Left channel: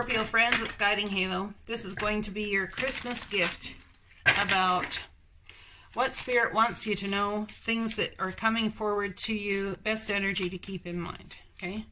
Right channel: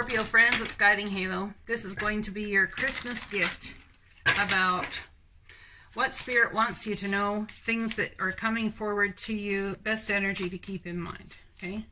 Scorpio friends, it's Guiding Halo. This is going to be your Christmas gift about what Spirit wants you to know, things that are coming forward to you, best energy to keep in mind, okay?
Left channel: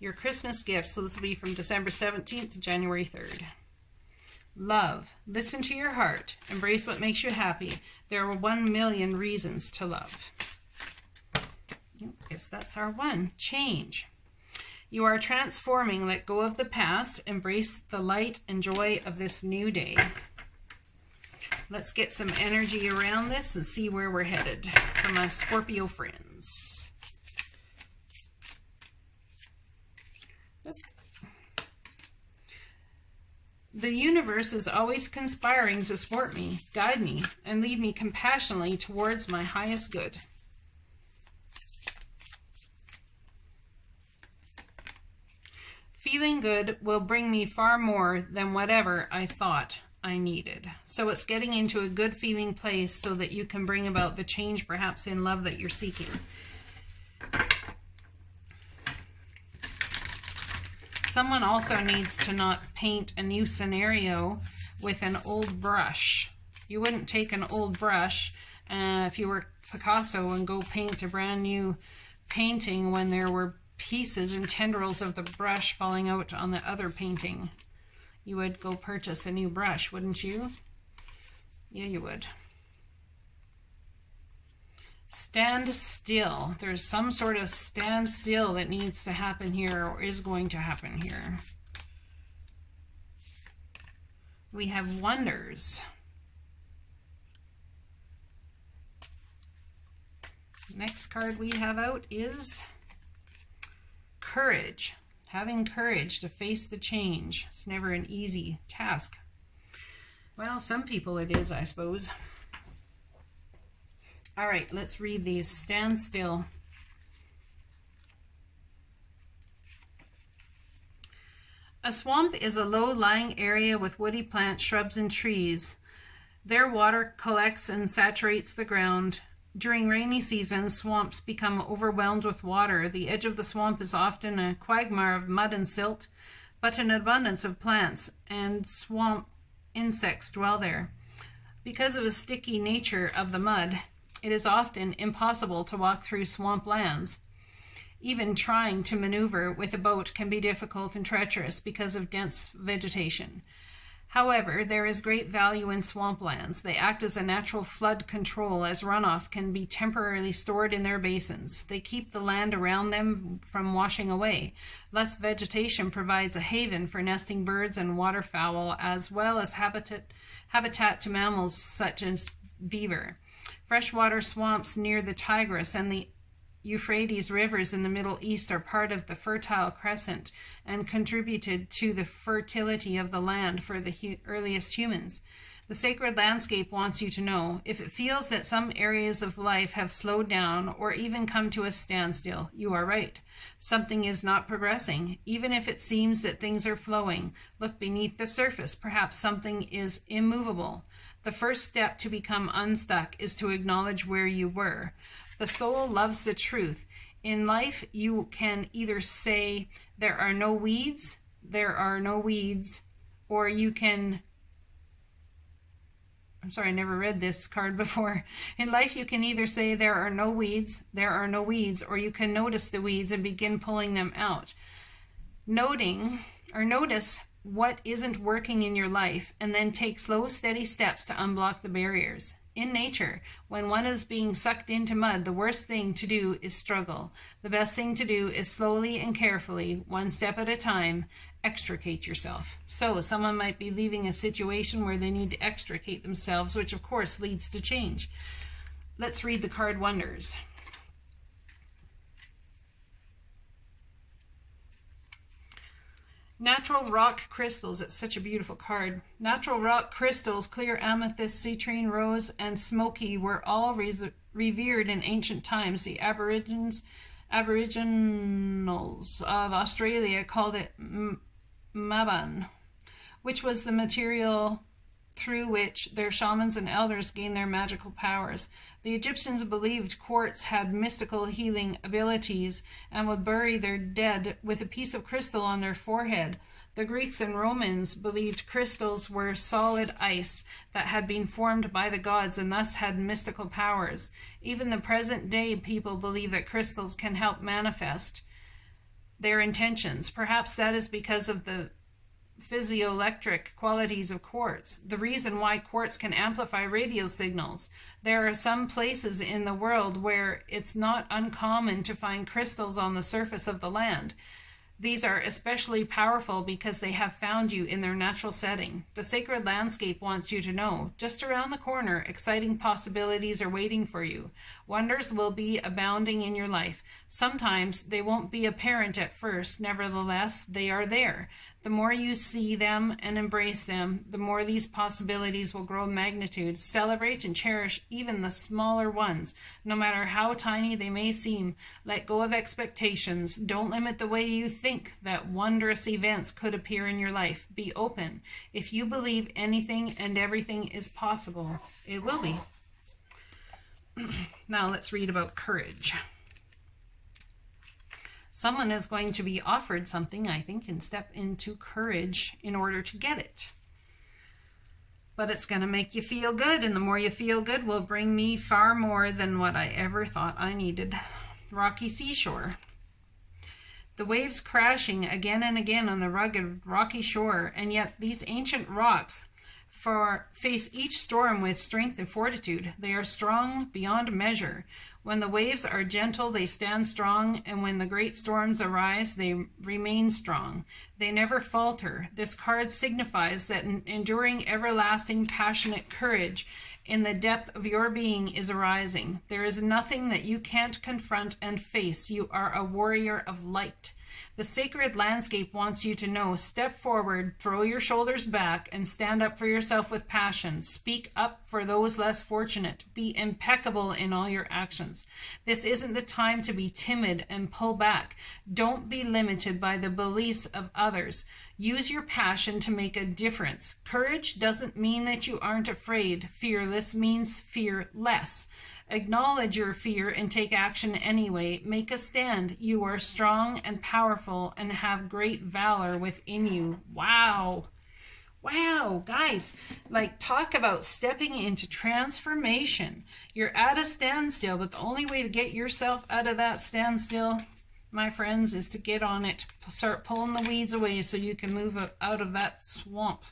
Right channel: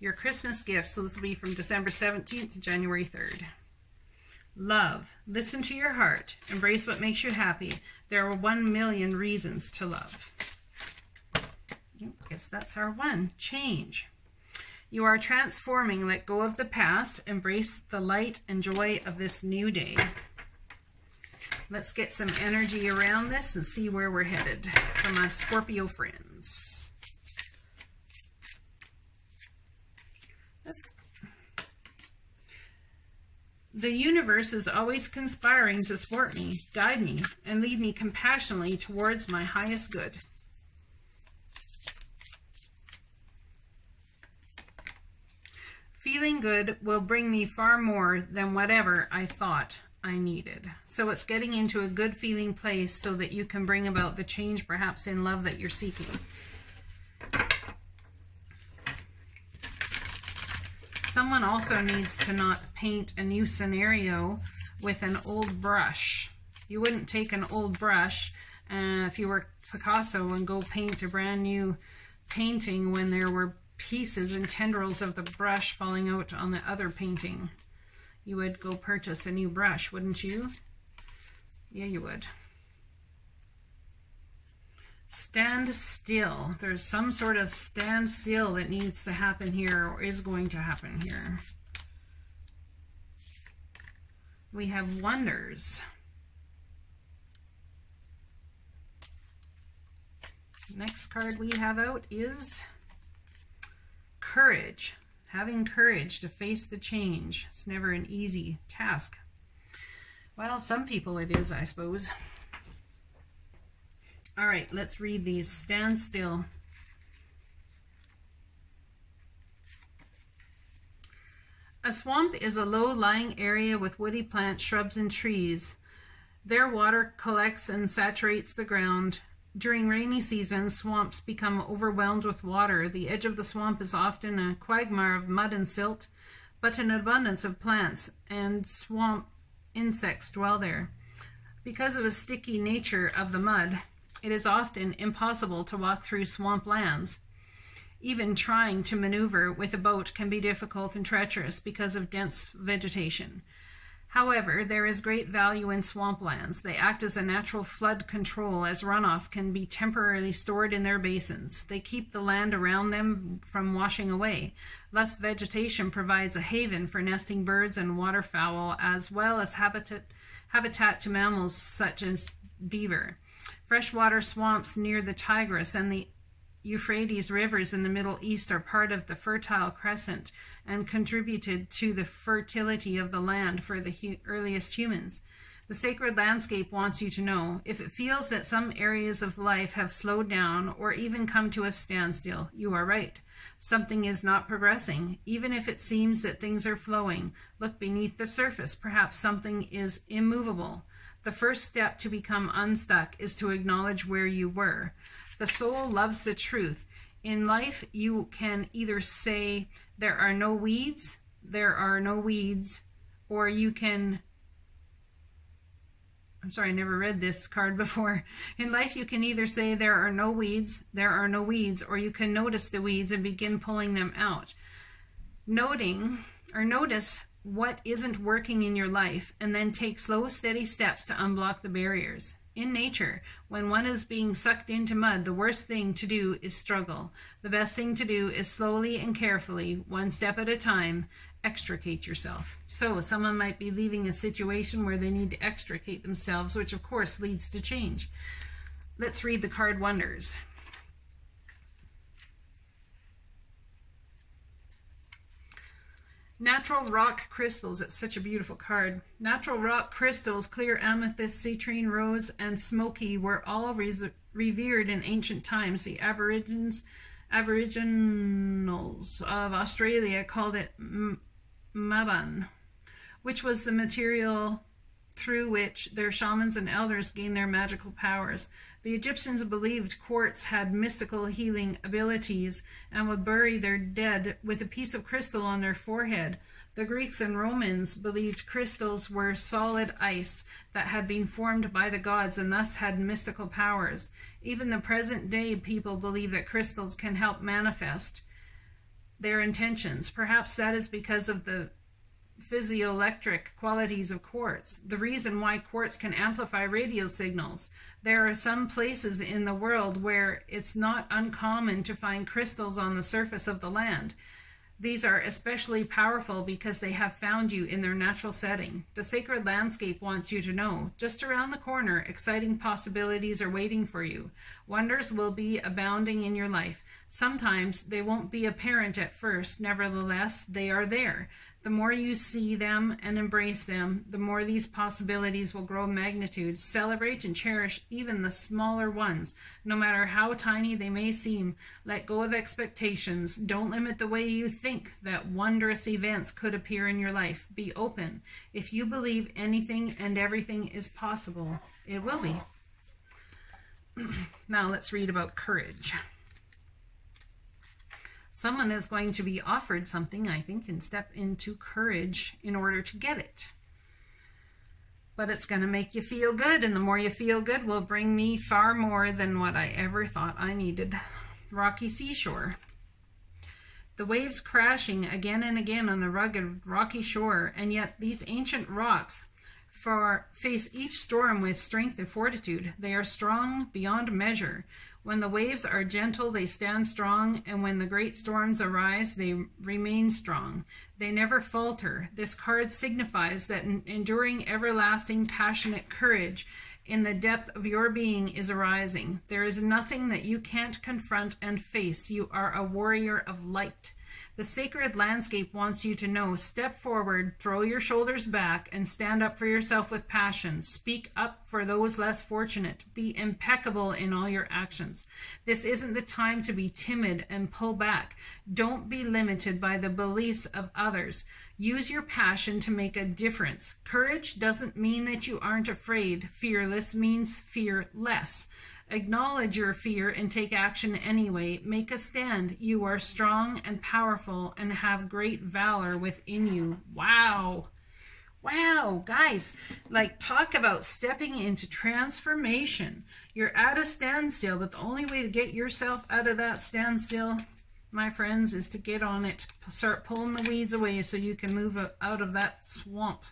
Your Christmas gift, so this will be from December 17th to January 3rd. Love. Listen to your heart. Embrace what makes you happy. There are 1 million reasons to love. I guess that's our one. Change. You are transforming. Let go of the past. Embrace the light and joy of this new day. Let's get some energy around this and see where we're headed from us Scorpio friends. The universe is always conspiring to support me, guide me, and lead me compassionately towards my highest good. Feeling good will bring me far more than whatever I thought I needed. So it's getting into a good feeling place so that you can bring about the change perhaps in love that you're seeking. Someone also needs to not paint a new scenario with an old brush. You wouldn't take an old brush if you were Picasso and go paint a brand new painting when there were pieces and tendrils of the brush falling out on the other painting. You would go purchase a new brush, wouldn't you? Yeah, you would. Stand still. There's some sort of stand still that needs to happen here or is going to happen here. We have wonders. Next card we have out is courage. Having courage to face the change. It's never an easy task. Well, some people it is, I suppose. All right, let's read these. Stand still. A swamp is a low-lying area with woody plants, shrubs, and trees. Their water collects and saturates the ground. During rainy season, swamps become overwhelmed with water. The edge of the swamp is often a quagmire of mud and silt, but an abundance of plants and swamp insects dwell there. Because of the sticky nature of the mud, it is often impossible to walk through swamp lands. Even trying to maneuver with a boat can be difficult and treacherous because of dense vegetation. However, there is great value in swamplands. They act as a natural flood control, as runoff can be temporarily stored in their basins. They keep the land around them from washing away. Less vegetation provides a haven for nesting birds and waterfowl, as well as habitat to mammals such as beaver. Freshwater swamps near the Tigris and the Euphrates rivers in the Middle East are part of the Fertile Crescent and contributed to the fertility of the land for the earliest humans. The sacred landscape wants you to know, if it feels that some areas of life have slowed down or even come to a standstill, you are right. Something is not progressing. Even if it seems that things are flowing, look beneath the surface. Perhaps something is immovable. The first step to become unstuck is to acknowledge where you were. The soul loves the truth. In life, you can either say, there are no weeds, or you can, I'm sorry, I never read this card before. In life, you can either say, there are no weeds, or you can notice the weeds and begin pulling them out. Notice what isn't working in your life, and then take slow, steady steps to unblock the barriers. In nature, when one is being sucked into mud, the worst thing to do is struggle. The best thing to do is slowly and carefully, one step at a time, extricate yourself. So someone might be leaving a situation where they need to extricate themselves, which of course leads to change. Let's read the card Wonders. Natural rock crystals. It's such a beautiful card. Natural rock crystals, clear amethyst, citrine, rose, and smoky were all revered in ancient times. The Aboriginals of Australia called it maban, which was the material through which their shamans and elders gained their magical powers. The Egyptians believed quartz had mystical healing abilities and would bury their dead with a piece of crystal on their forehead. The Greeks and Romans believed crystals were solid ice that had been formed by the gods and thus had mystical powers. Even the present day people believe that crystals can help manifest their intentions. Perhaps that is because of the physioelectric qualities of quartz, the reason why quartz can amplify radio signals. There are some places in the world where it's not uncommon to find crystals on the surface of the land. These are especially powerful because they have found you in their natural setting. The sacred landscape wants you to know, just around the corner, exciting possibilities are waiting for you. Wonders will be abounding in your life. Sometimes they won't be apparent at first, nevertheless, they are there. The more you see them and embrace them, the more these possibilities will grow in magnitude. Celebrate and cherish even the smaller ones, no matter how tiny they may seem. Let go of expectations. Don't limit the way you think that wondrous events could appear in your life. Be open. If you believe anything and everything is possible, it will be. Now let's read about courage. Someone is going to be offered something, I think, and step into courage in order to get it. But it's going to make you feel good, and the more you feel good will bring me far more than what I ever thought I needed. Rocky seashore. The waves crashing again and again on the rugged, rocky shore, and yet these ancient rocks face each storm with strength and fortitude. They are strong beyond measure. When the waves are gentle, they stand strong, and when the great storms arise, they remain strong. They never falter. This card signifies that an enduring, everlasting, passionate courage in the depth of your being is arising. There is nothing that you can't confront and face. You are a warrior of light. The sacred landscape wants you to know. Step forward, throw your shoulders back, and stand up for yourself with passion. Speak up for those less fortunate. Be impeccable in all your actions. This isn't the time to be timid and pull back. Don't be limited by the beliefs of others. Use your passion to make a difference. Courage doesn't mean that you aren't afraid. Fearless means fearless. Acknowledge your fear and take action anyway. Make a stand. You are strong and powerful and have great valor within you. Wow. Wow, guys, like, talk about stepping into transformation. You're at a standstill, but the only way to get yourself out of that standstill, my friends, is to get on it. Start pulling the weeds away so you can move out of that swamp.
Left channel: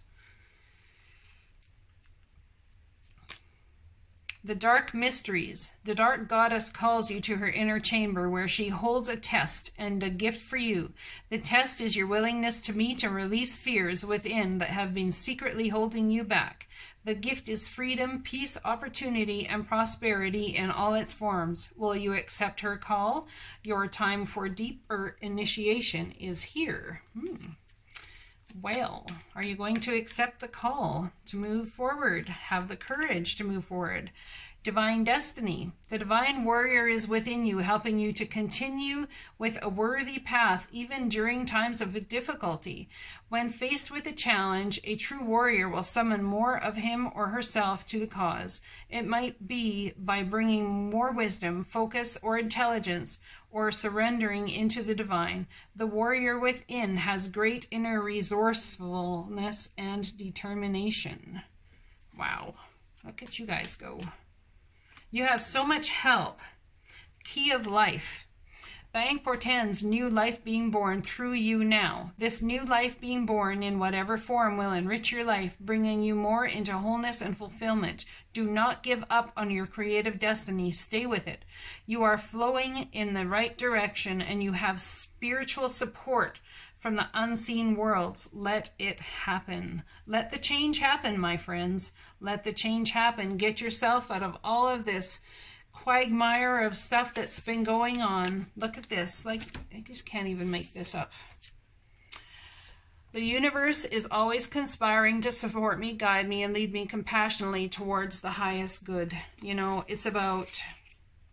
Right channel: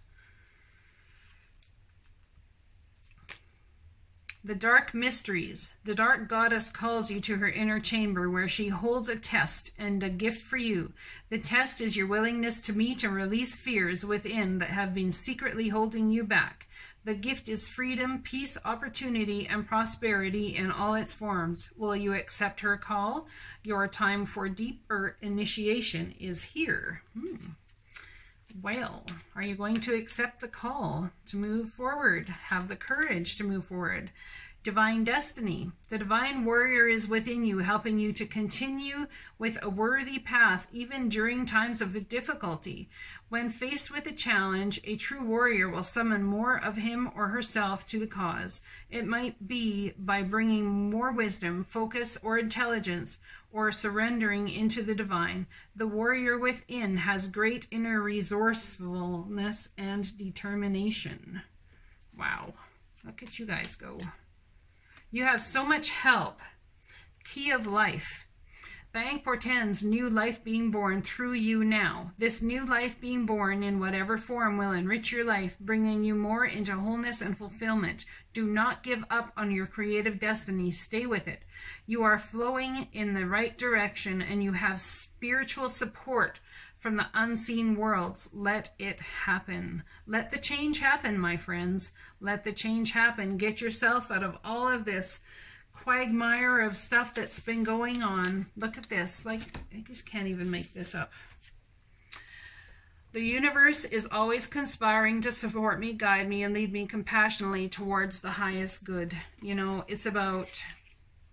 The dark mysteries. The dark goddess calls you to her inner chamber where she holds a test and a gift for you. The test is your willingness to meet and release fears within that have been secretly holding you back. The gift is freedom, peace, opportunity, and prosperity in all its forms. Will you accept her call? Your time for deeper initiation is here. Well, are you going to accept the call to move forward? Have the courage to move forward. Divine destiny. The divine warrior is within you, helping you to continue with a worthy path, even during times of difficulty. When faced with a challenge, a true warrior will summon more of him or herself to the cause. It might be by bringing more wisdom, focus, or intelligence, or surrendering into the divine. The warrior within has great inner resourcefulness and determination. Wow, look at you guys go. You have so much help. Key of life. The ink portends new life being born through you now. This new life being born in whatever form will enrich your life, bringing you more into wholeness and fulfillment. Do not give up on your creative destiny. Stay with it. You are flowing in the right direction and you have spiritual support from the unseen worlds. Let it happen. Let the change happen, my friends. Let the change happen. Get yourself out of all of this quagmire of stuff that's been going on. Look at this. Like, I just can't even make this up. The universe is always conspiring to support me, guide me, and lead me compassionately towards the highest good. You know, it's about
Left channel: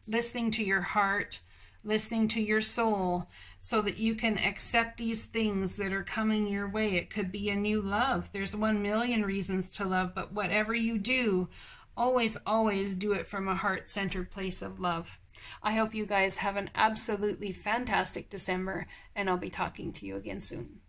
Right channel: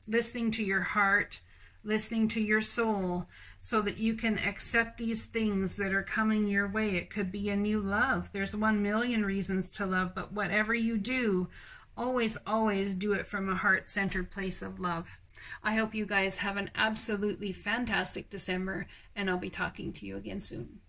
listening to your heart, listening to your soul, so that you can accept these things that are coming your way. It could be a new love. There's 1,000,000 reasons to love, but whatever you do, always, always do it from a heart-centered place of love. I hope you guys have an absolutely fantastic December, and I'll be talking to you again soon.